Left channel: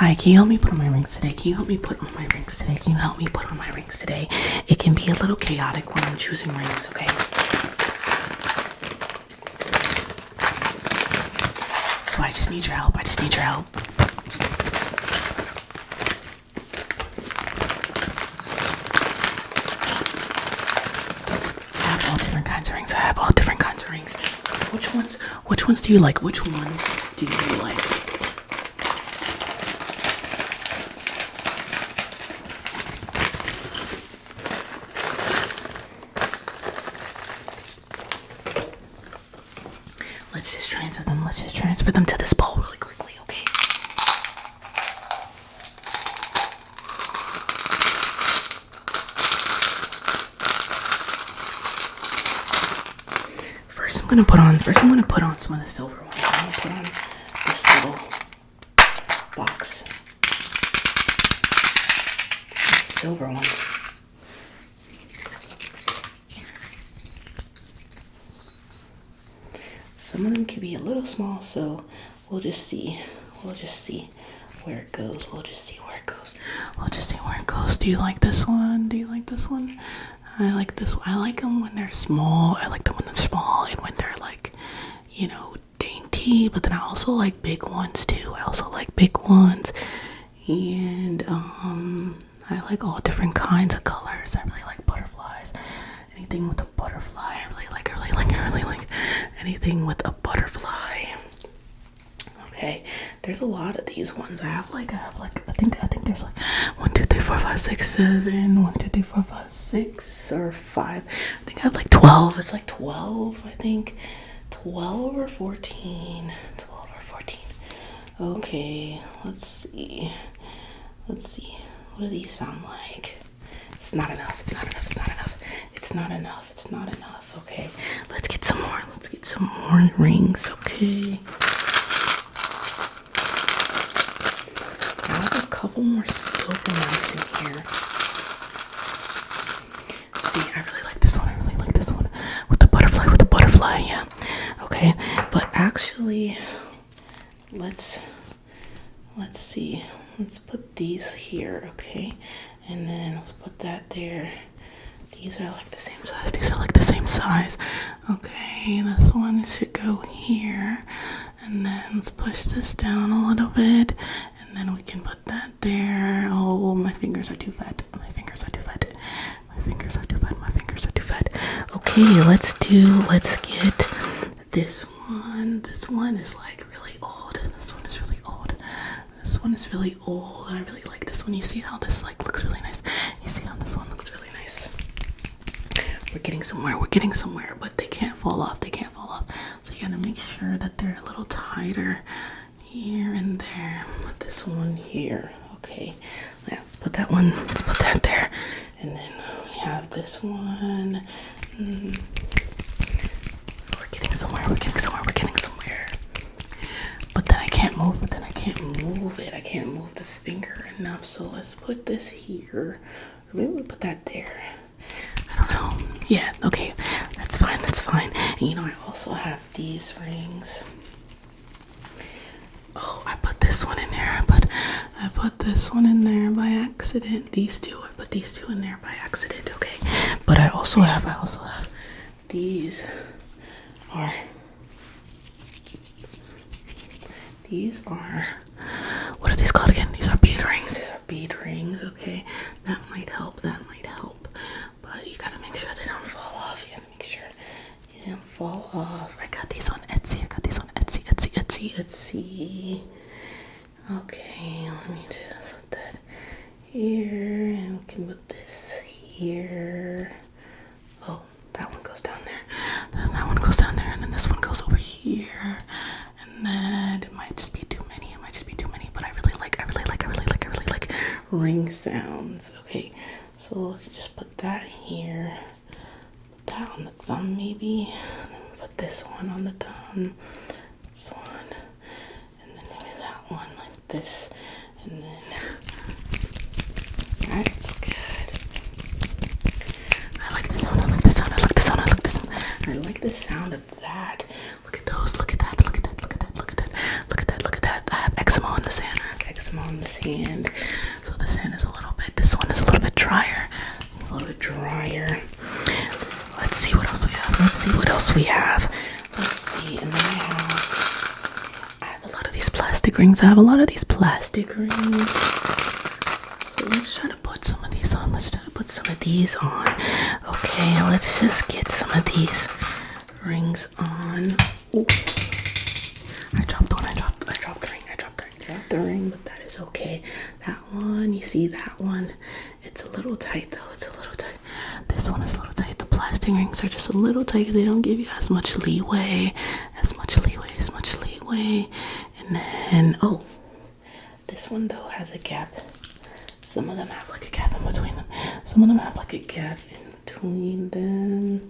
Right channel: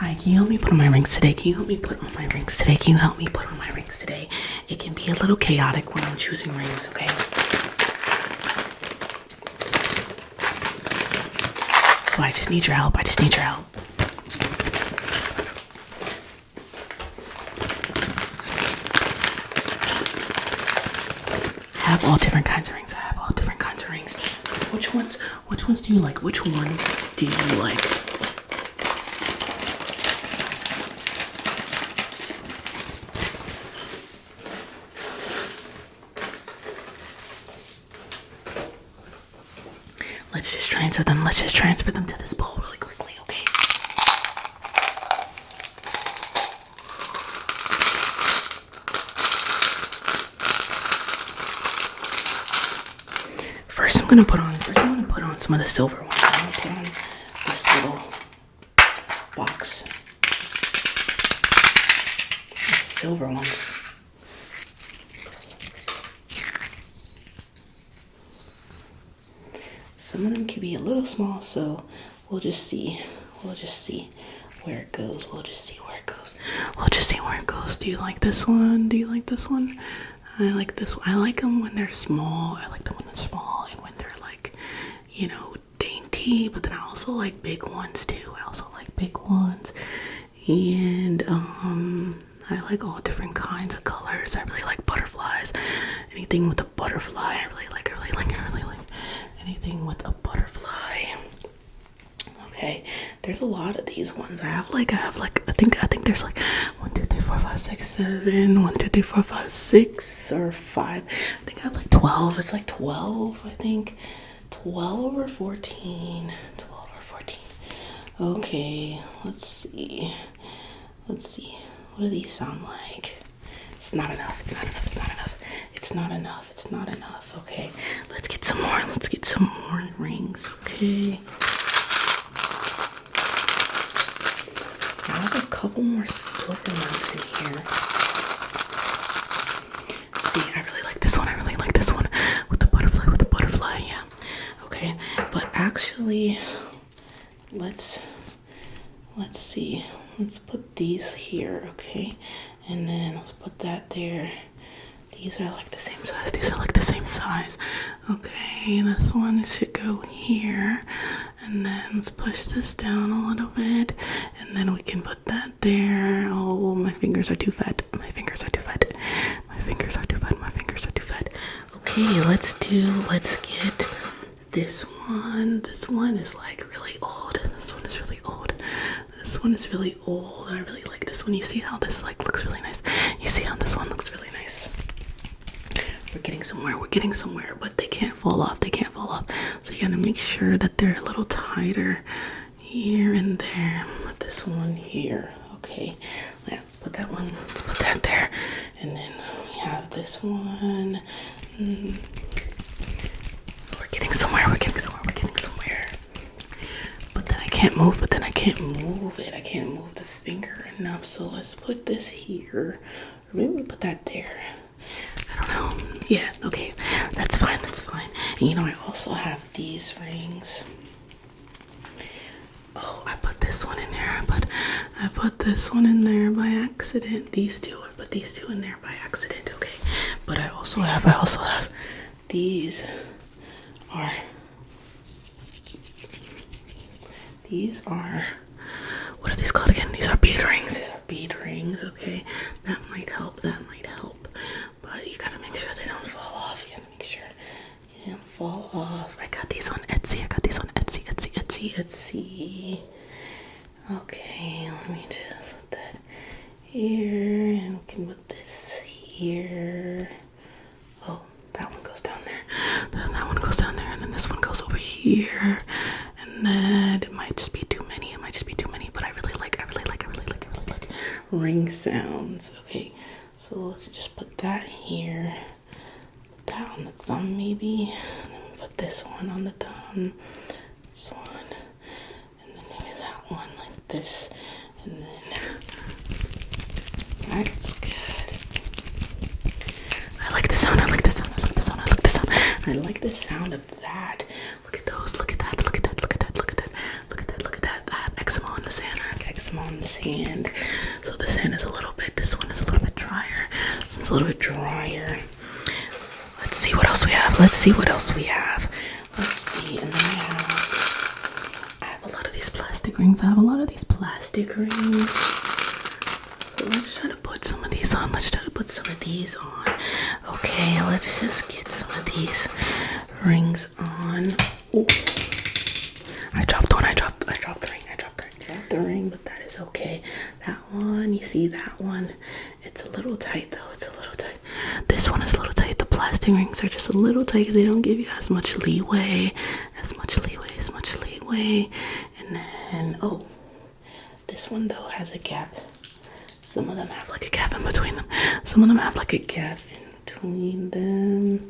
Hi, can you help me put on my rings today? Can you help me put on my rings today? Can you help me put on my rings today? It can be a little chaotic when I'm choosing rings, okay? So I just need your help. I just need your help. I have all different kinds of rings. I have all different kinds of rings. Which ones do you like? Which ones do you like? Let's just transfer them. Let's just transfer them to this bowl really quickly, okay? First, I'm gonna put on some of the silver ones. I'm gonna put on this little box of silver ones. Some of them can be a little small, so we'll just see. We'll just see where it goes. We'll just see where it goes. We'll just see where it goes. Do you like this one? Do you like this one? I like this one. I like them when they're small. I like them when they're small and when they're like, you know, dainty. But then I also like big ones too. I also like big ones. And I like all different kinds of colors. I really like butterflies. Anything with a butterfly, I really like anything with a butterfly. Okay, there's a lot of these ones. I think there's like 1, 2, 3, 4, 5, 6, 7, 1, 2, 3, 4, 5, 6 or 5. I think I have like 12. It's like 12, I think. 12 or 14. 12 or 14. Okay, let's see. What do these sound like? It's not enough. It's not enough. It's not enough. It's not enough. It's not enough. Okay. Let's get some more. Let's get some more rings. Okay. I have a couple more silver ones in here. See, I really like this one. I really like this one. With the butterfly. Yeah. Okay. But actually, let's see. Let's put these here. Okay. And then let's put that there. These are like the same size. Okay, this one should go here. And then let's push this down a little bit. And then we can put that there. Oh, my fingers are too fat. Okay, let's get this one. This one is like really old. This one is really old. I really like this one. You see how this like looks really nice? You see how this one looks really nice? We're getting somewhere, but they can't fall off. So you gotta make sure that they're a little tighter here and there. Put this one here. Okay. Let's put that there. And then we have this one. We're getting somewhere. But then I can't move it. I can't move this finger enough. So let's put this here. Or maybe we put that there. I don't know. Yeah, okay. That's fine. And you know, I also have these rings. Oh, I put this one in there. I put this one in there by accident. I put these two in there by accident, okay. But I also have these are what are these called again? These are bead rings, okay. That might help. But you gotta make sure they don't fall off. I got these on Etsy. Okay, let me just put that here, and we can put this here. Oh, that one goes down there. That one goes down there, and then this one goes over here. And then it might just be too many. But I really like ring sounds. Okay, so just put that here. Put that on the thumb maybe. And then put this one on the thumb. This one. And then maybe that one like this. And then that's good. I like the sound. I like the sound of that. Look at those. Look at that. I have eczema on the sand. some on this hand. So this hand is this one is a little bit drier. It's a little bit drier. Let's see what else we have. Let's see, and then I have a lot of these plastic rings. So let's try to put some of these on. Okay, let's just get some of these rings on. Ooh. I dropped the ring, but that is okay. That one, you see that one? It's a little tight though. This one is a little tight. The plastic rings are just a little tight because they don't give you as much leeway. And then, this one though has a gap. Some of them have like a gap in between them.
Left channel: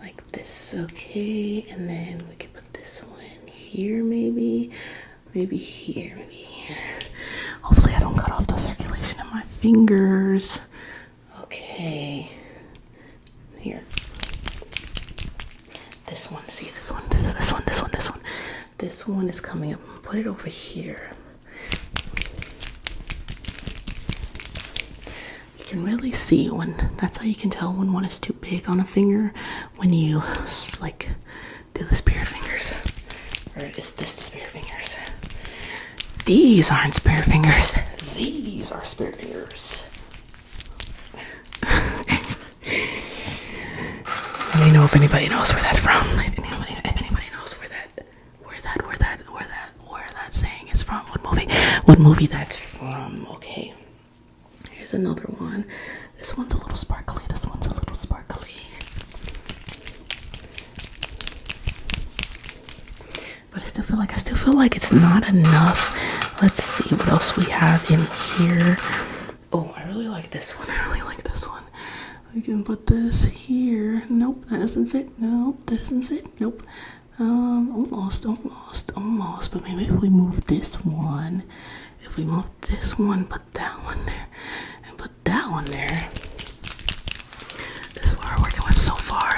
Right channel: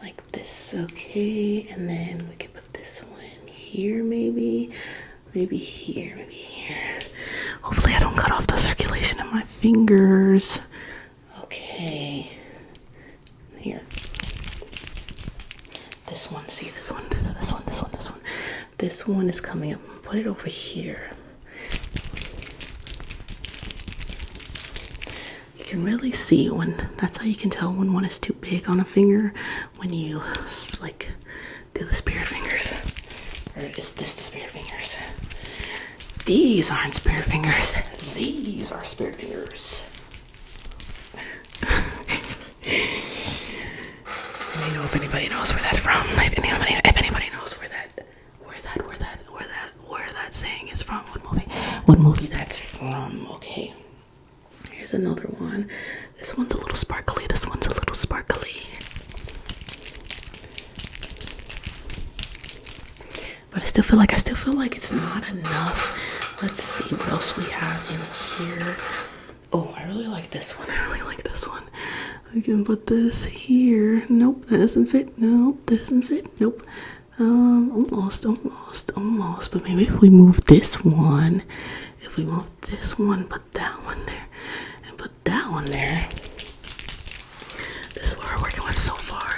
Like this, okay. And then we can put this one here, maybe here. Hopefully I don't cut off the circulation in my fingers. Okay. Here. This one is coming up. Put it over here. You can really see that's how you can tell when one is too big on a finger, when you like do the spirit fingers. Or is this the spirit fingers? These aren't spirit fingers. These are spirit fingers. Let me know if anybody knows where that's from. If anybody knows where that saying is from. What movie that's from. Okay. Here's another one. This one's a little sparkly. But I still feel like it's not enough. Let's see what else we have in here. Oh, I really like this one. We can put this here. Nope, that doesn't fit. Nope. Almost. But maybe if we move this one, put that one there, and put that one there.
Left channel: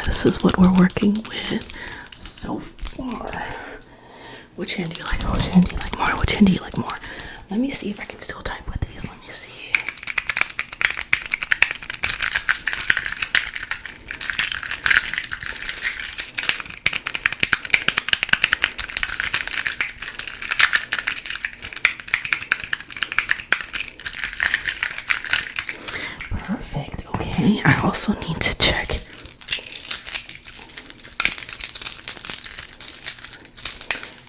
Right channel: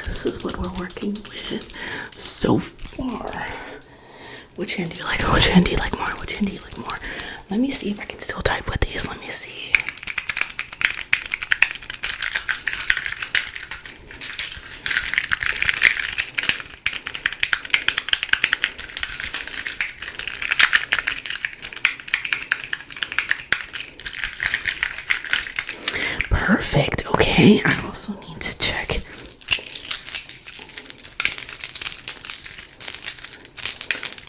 This is what we're working with so far. Which hand do you like more? Let me see if I can still type with these. Let me see. Perfect. Okay, I also need to check.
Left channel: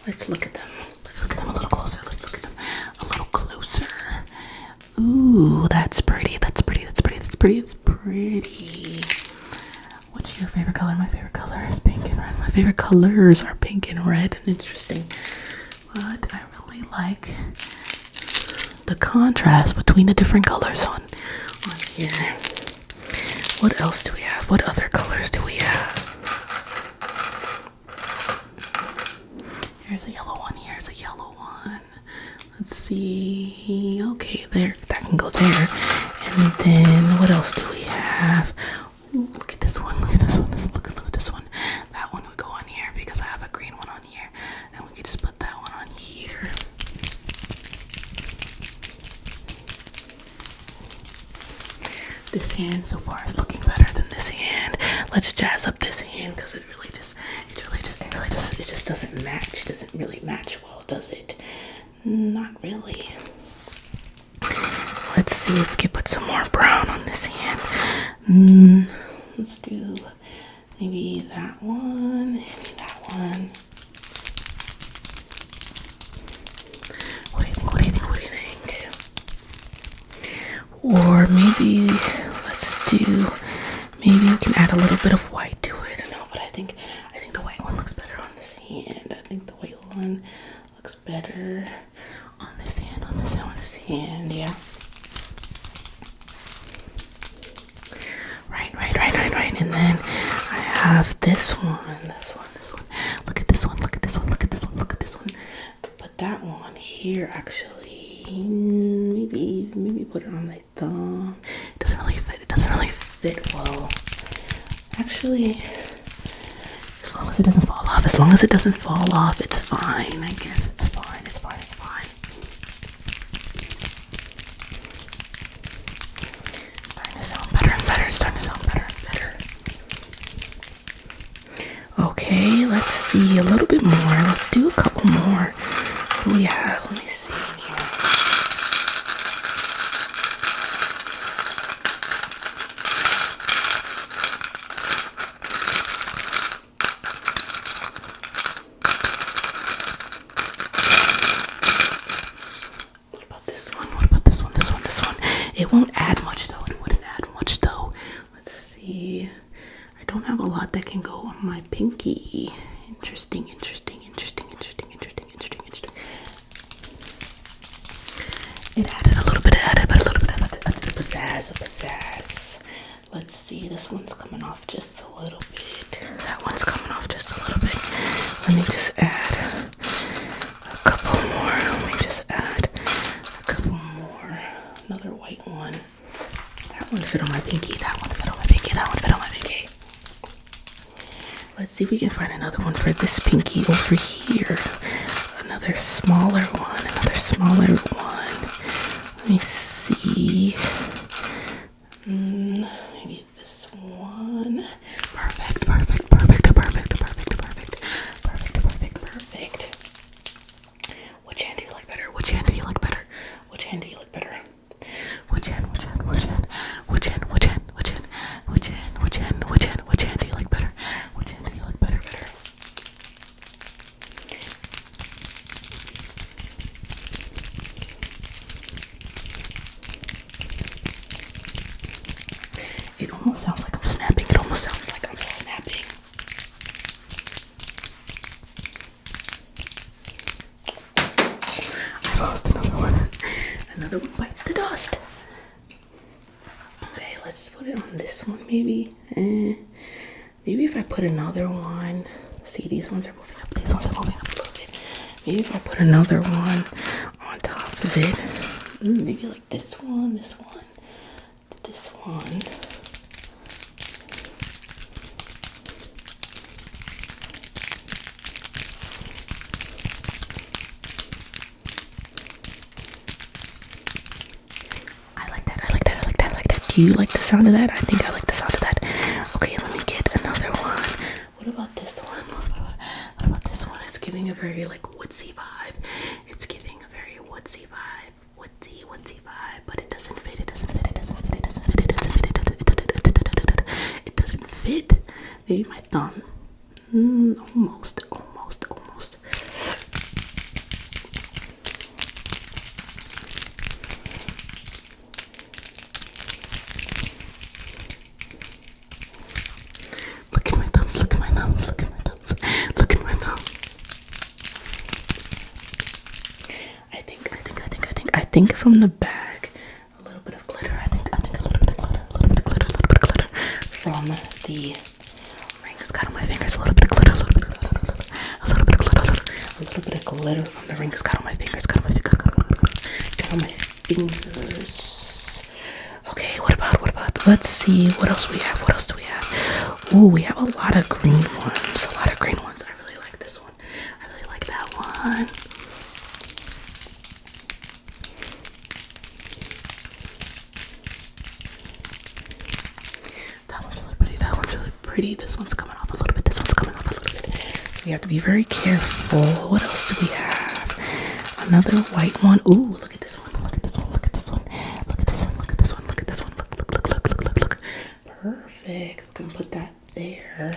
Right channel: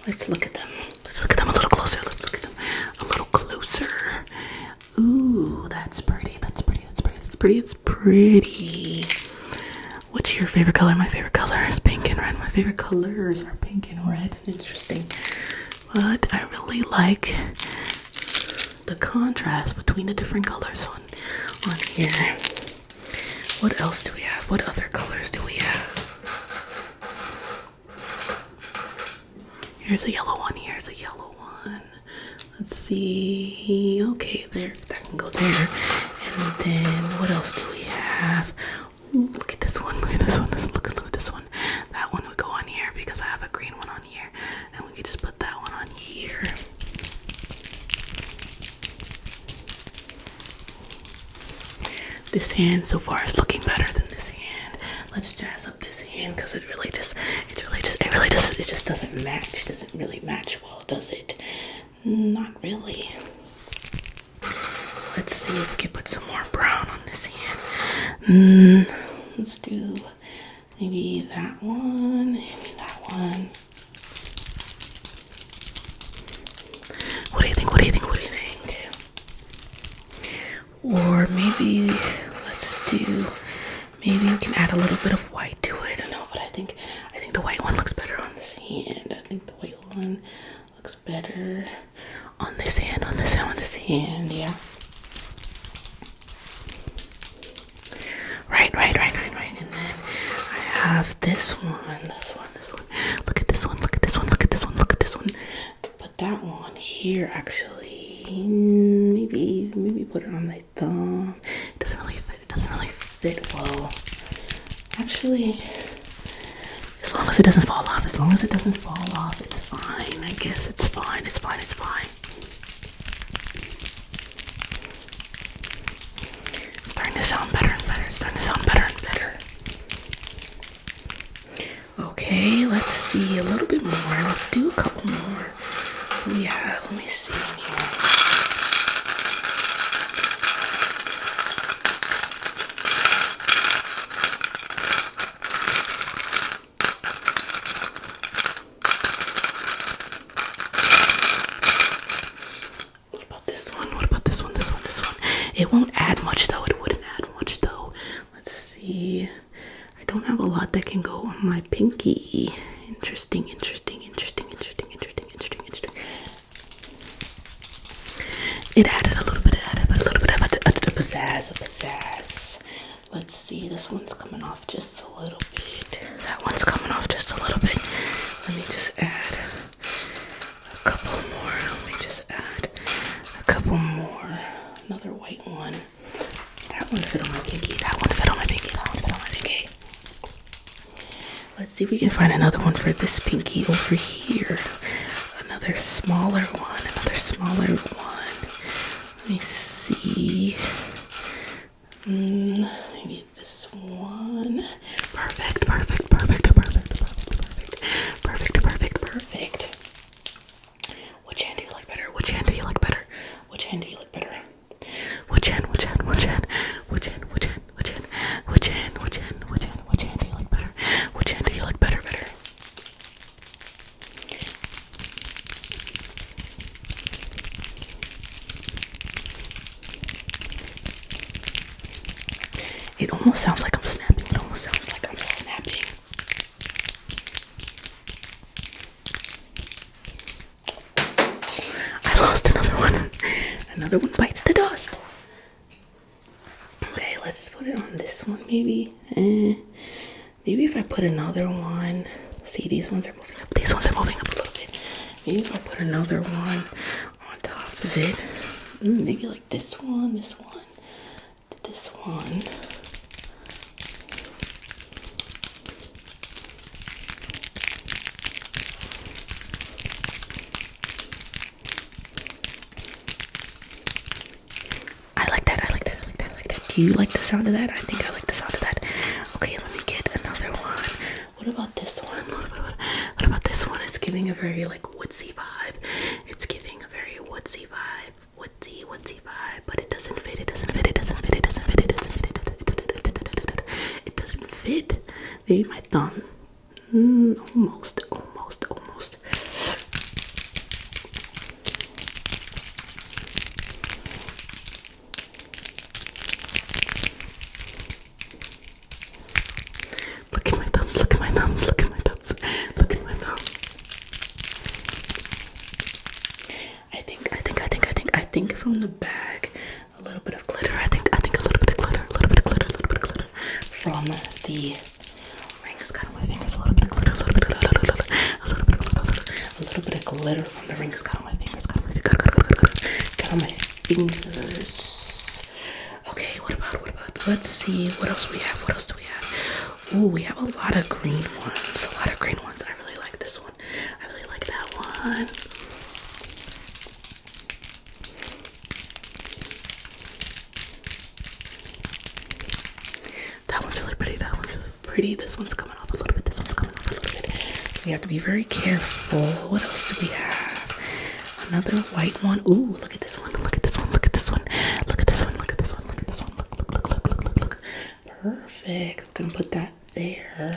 Let's look at them a little closer. Ooh, that's pretty. It's pretty. What's your favorite color? My favorite color is pink and red. My favorite colors are pink and red. Interesting. But I really like the contrast between the different colors on here. What else do we have? What other colors do we have? Here's a yellow one. Let's see. Okay, there. That can go there. And then what else do we have? Ooh, look at this one. Look at this one. Look at this one. That one would go on here because I have a green one on here. And we could just put that one on here. This hand so far is looking better than this hand. Let's jazz up this hand because it just doesn't match. It doesn't really match well, does it? Not really. Let's see if we can put some more brown on this hand. Let's do maybe that one. What do you think? Or maybe maybe we can add a little bit of white to it. No, but I think the white one looks better on this hand. Looks better on this hand, yeah. Right. And then I have this one. Look at this one. Put that one here, actually. Maybe put it on my thumb. It doesn't really fit well. Actually, as long as it doesn't fall off, it's fine. I guess it's fine. It's starting to sound better and better. Okay, let's see a little bit more. Let's do a couple more. What do we have? Let me see in here. What about this one? What about this one? This one, this one. It won't add much though. It wouldn't add much though. Let's see. I don't have a lot that can go on my pinky. Interesting, interesting, interesting, interesting, interesting, interesting, interesting. It added a little bit of pizzazz. Let's see, this one's coming off just a little bit. That one's coming off just a little bit. Let me just add a couple more. Let me just add a couple more. Another white one. That one fit on my pinky. That one fit on my pinky. That one fit on my pinky. Let's see if we can find another one for this pinky over here. Another smaller one. Another smaller one. Let me see. Maybe this one. Perfect. Which hand do you like better? Which hand do you like better? Which hand do you like better? Which hand do you like better? Which hand do you like better? Which hand do you like better? It almost sounds like I'm snapping. I lost another one. Another one bites the dust. Okay, let's put it on this one maybe. Maybe if I put another one. See, these ones are moving up. These ones are moving up a little bit. Maybe if I put another one on top of it. Maybe like this one. I like that. Do you like the sound of that? I think I like the sound of that. Okay, let me get another one. What about this one? What about this one? It's giving a very like woodsy vibe. It's giving a very woodsy vibe. Woodsy vibe. But it doesn't fit. It doesn't fit. Maybe my thumb. Almost. Look at my thumbs. I think from the bag, a little bit of glitter. I think a little bit of glitter. From the rings cut on my fingers. A little bit of glitter from the rings cut on my fingers. Cut on my fingers. Okay, what about? Let's see. What else do we have? Ooh, we have a lot of green ones. I really like this one. I really like that one. That one's really pretty. This one's coming off a little bit. We have to be very careful. What else do we have? Another white one. Ooh, look at this one. Look. Perfect. I'm gonna put that there.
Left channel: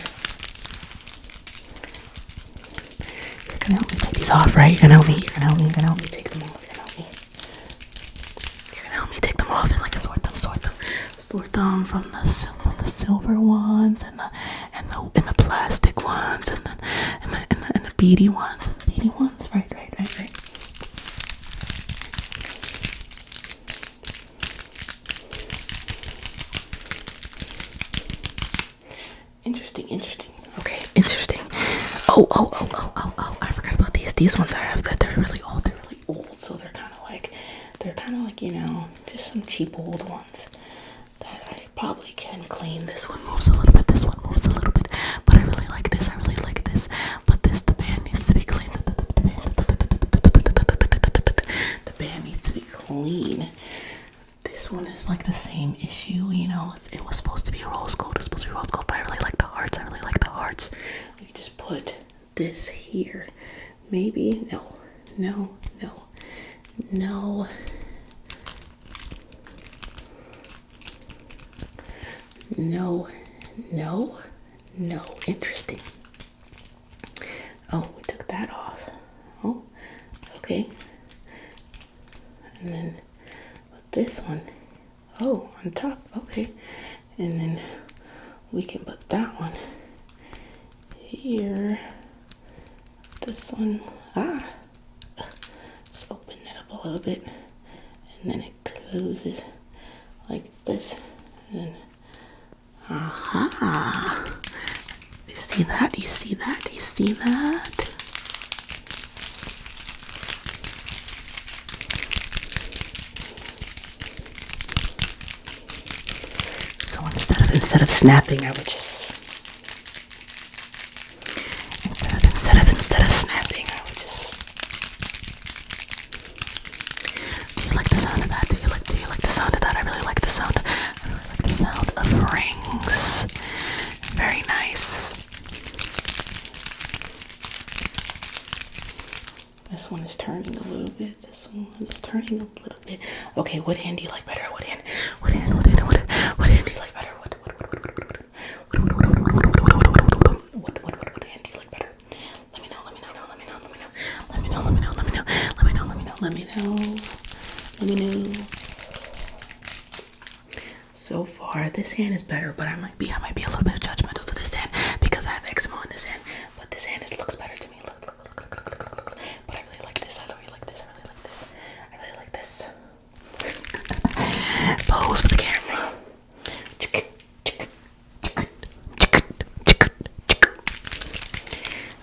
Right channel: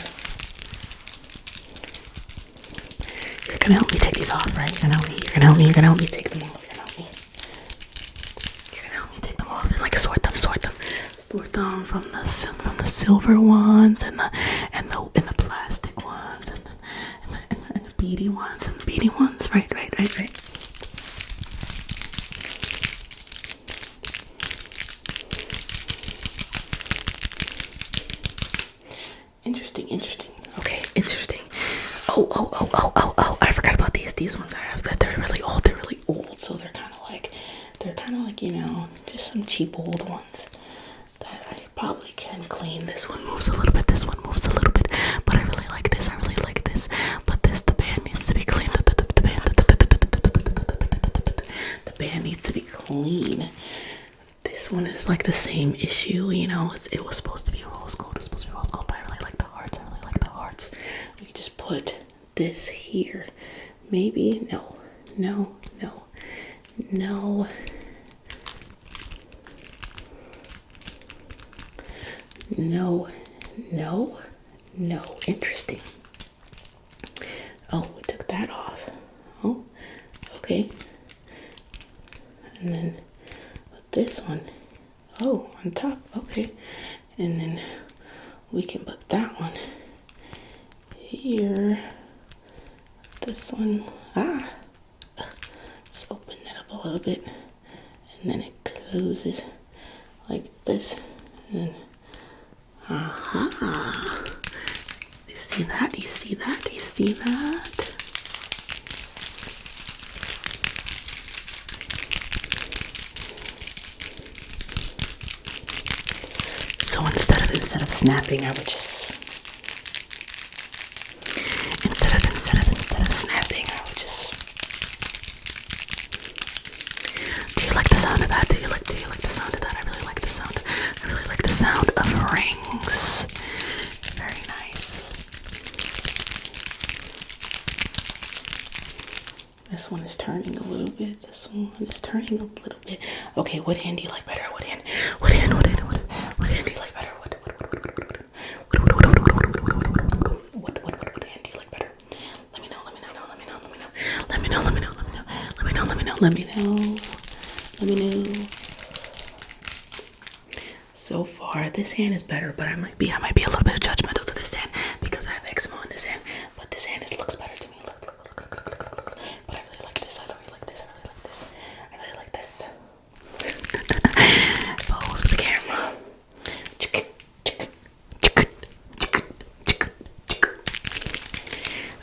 You're gonna help me take these off, right? You're gonna help me take them off. You're gonna help me take them off and like sort them from the silver ones and the plastic ones and the beady ones right. Interesting. Okay, interesting. Oh, I forgot about these. These ones I have that they're really old, so they're kind of like, just some cheap old ones that I probably can clean. This one moves a little bit, but I really like this. But the band needs to be clean. The band needs to be clean. This this one is like the same issue, you know. It was supposed to be rose gold. It was supposed to be rose gold, but I really like the hearts. I really like the hearts. We just put this here. Maybe no. Interesting. Oh, we took that off. Oh, okay. And then put this one. Oh, on top. Okay. And then we can put that one here. This one. Let's open that up a little bit. And then it closes like this. And then, You see that? Do you see that? Do you see that? So instead of snapping, I would just instead of snapping, I would just. Do you like the sound of that? Do you like the sound of that? I really like the sound. I really like the sound of rings. Very nice. This one is turning a little bit. This one is turning a little bit. Okay, what hand do you like better? What hand do you like better? What hand do you like better? Let me know. So far, this hand is better, but I might be a little bit judgmental to this hand because I have eczema on this hand. But this hand looks better to me. Look. But I really like this. I really like this. Pose for the camera.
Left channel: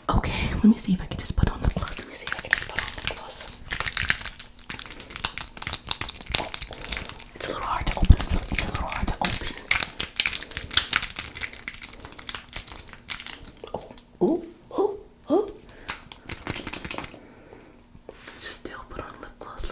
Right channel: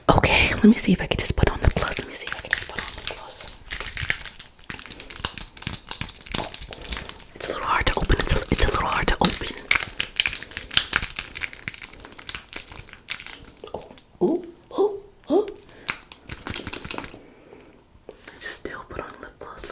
Okay, let me see if I can just put on the gloss. It's a little hard to open. It's a little hard to open. Oh. Still put on lip gloss.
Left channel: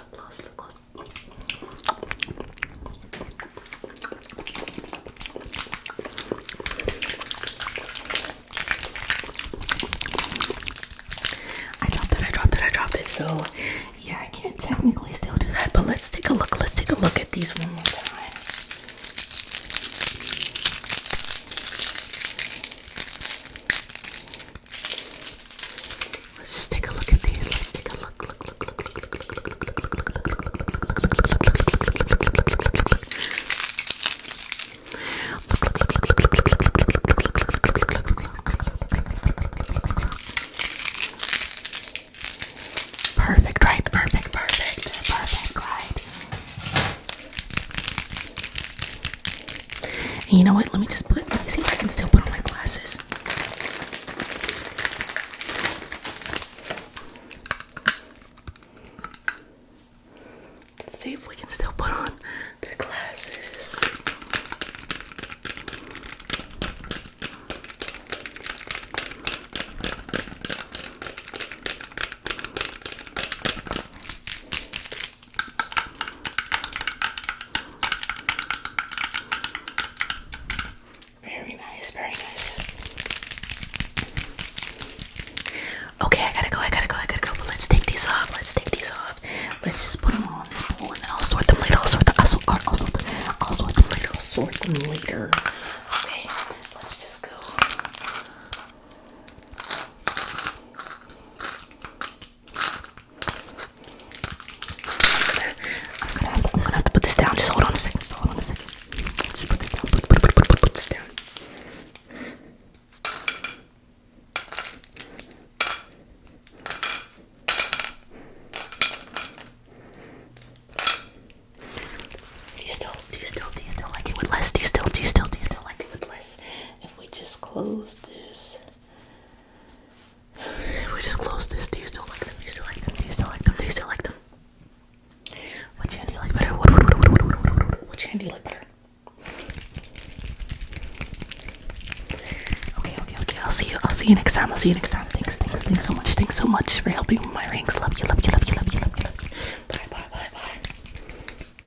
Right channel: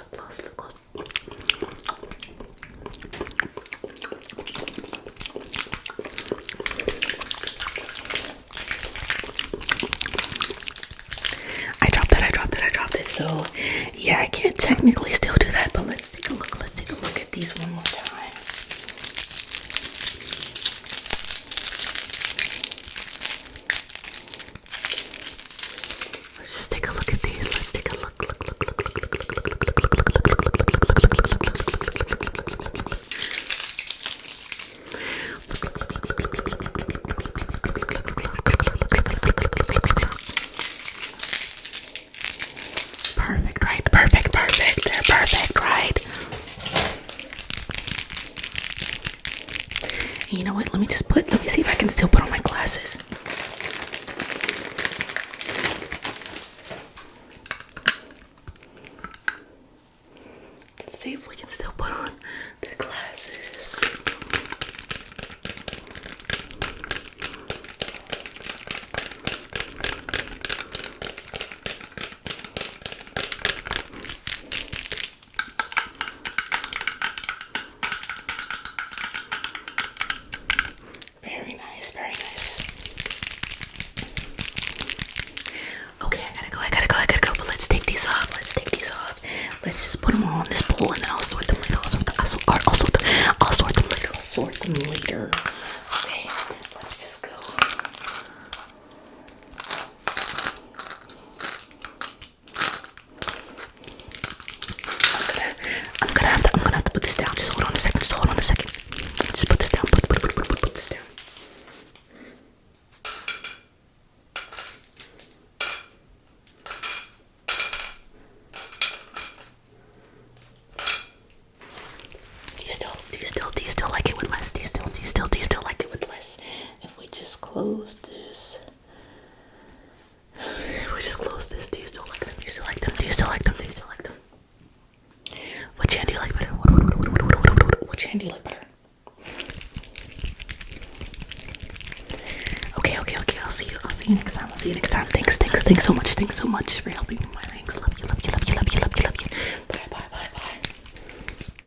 I dropped it. So, yeah, I can't technically still do that, but let's take a look. Let's take a look at these one more time. Let's just take a look at these. Let's take a look. Perfect, right? They're perfect, right? And you know what? Let me see if I can still put on my glasses. Let's see if we can still put on the glasses. Very nice. Okay, I gotta go. But let's take these off. Let's just put them all in this bowl, and then I'll sort them later. I'll sort them later. Okay, let's just go. I'm gonna have to put this down. Just hold on a second. Just put this down. Put this down. Do you still like it with less? Do you still like it with less? If we just close this. Do you still like them? Do you still like them? Which hand do you like better? Which hand do you like better? Okay. I'll see you next time. Thanks so much for helping with my rings. Love you.